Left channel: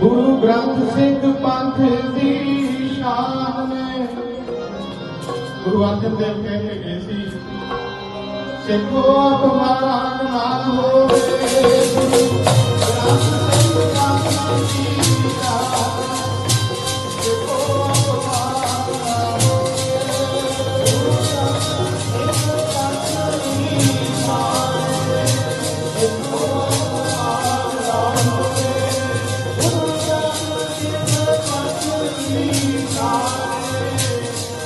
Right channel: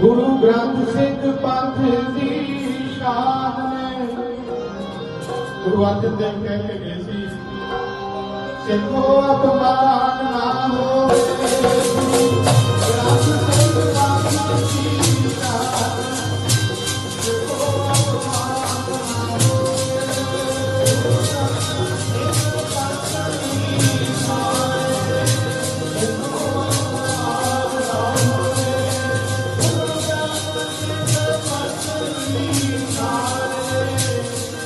ਗੁਰੂ ਗ੍ਰੰਥ ਸਿੰਘ ਪੰਥ ਦੀ ਸ਼ਾਨ ਨੇ। ਗੁਰੂ ਅਰਜਨ ਦੇਵ ਕਹਿੰਦੇ ਗਏ ਸੀ, ਸਿੱਖੋ ਅਪਮਾਨ ਨਾ ਹੋਵੇ।